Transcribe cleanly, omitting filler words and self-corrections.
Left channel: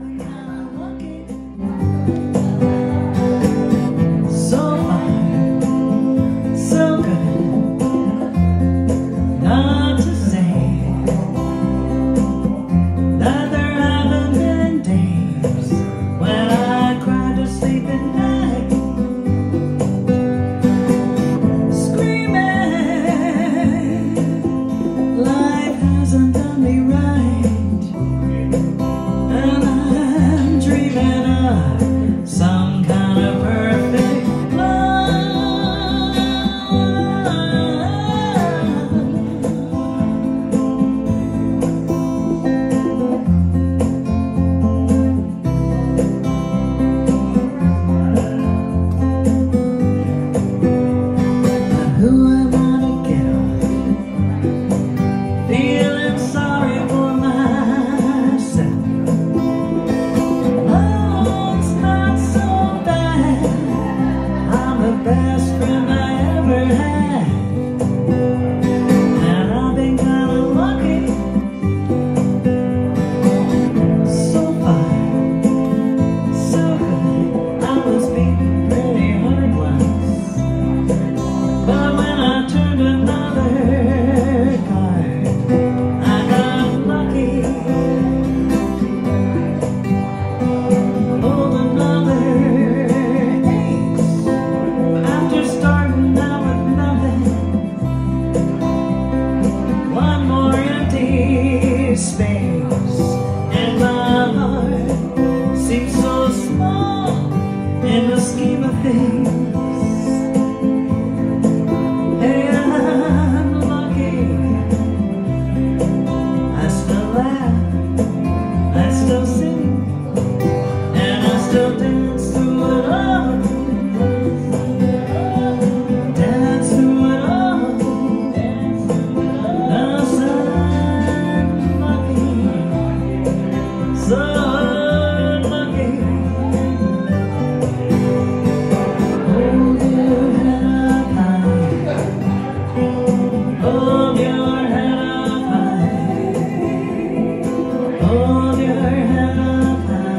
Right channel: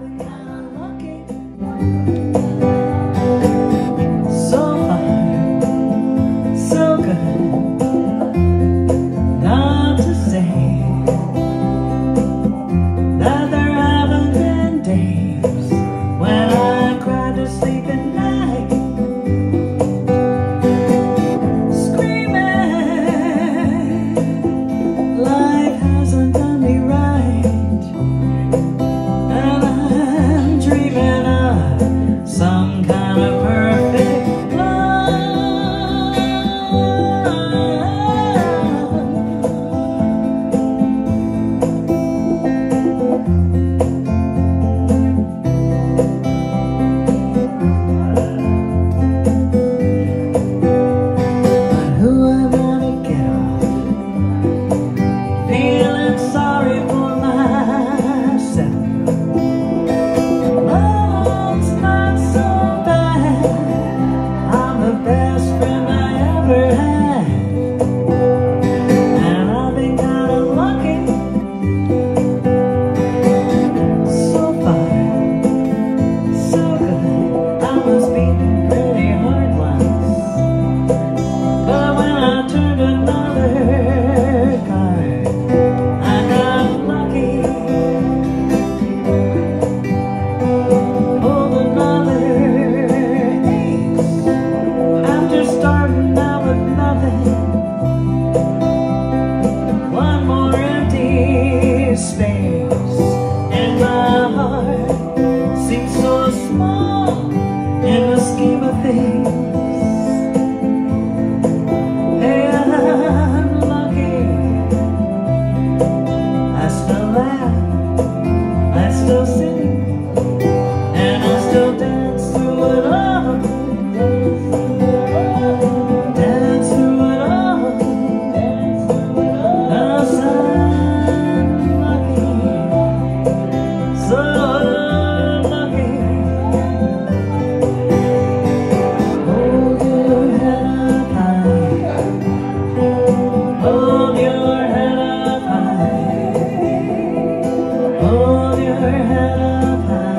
been kinda lucky. So far, so good. Not to say that there haven't been days when I cried to sleep at night, screaming life hasn't done me right, and I'm dreaming of some kind of perfect love. But who am I to get off feeling sorry for myself? Love's not so bad. I'm the best friend I ever had, and I've been kinda lucky. So far, so good. I was beaten pretty hard once, but when I turned another card, I got lucky. Pulled another ace after starting out with nothing. One more empty space, and my heart seems so small in the scheme of things. Hey, I'm lucky. I still laugh, I still sing, and I still dance through it all. Dance through it all. 'Cause I'm lucky, so lucky. Hold your head up high. Hold your head up high. Hold your head up high.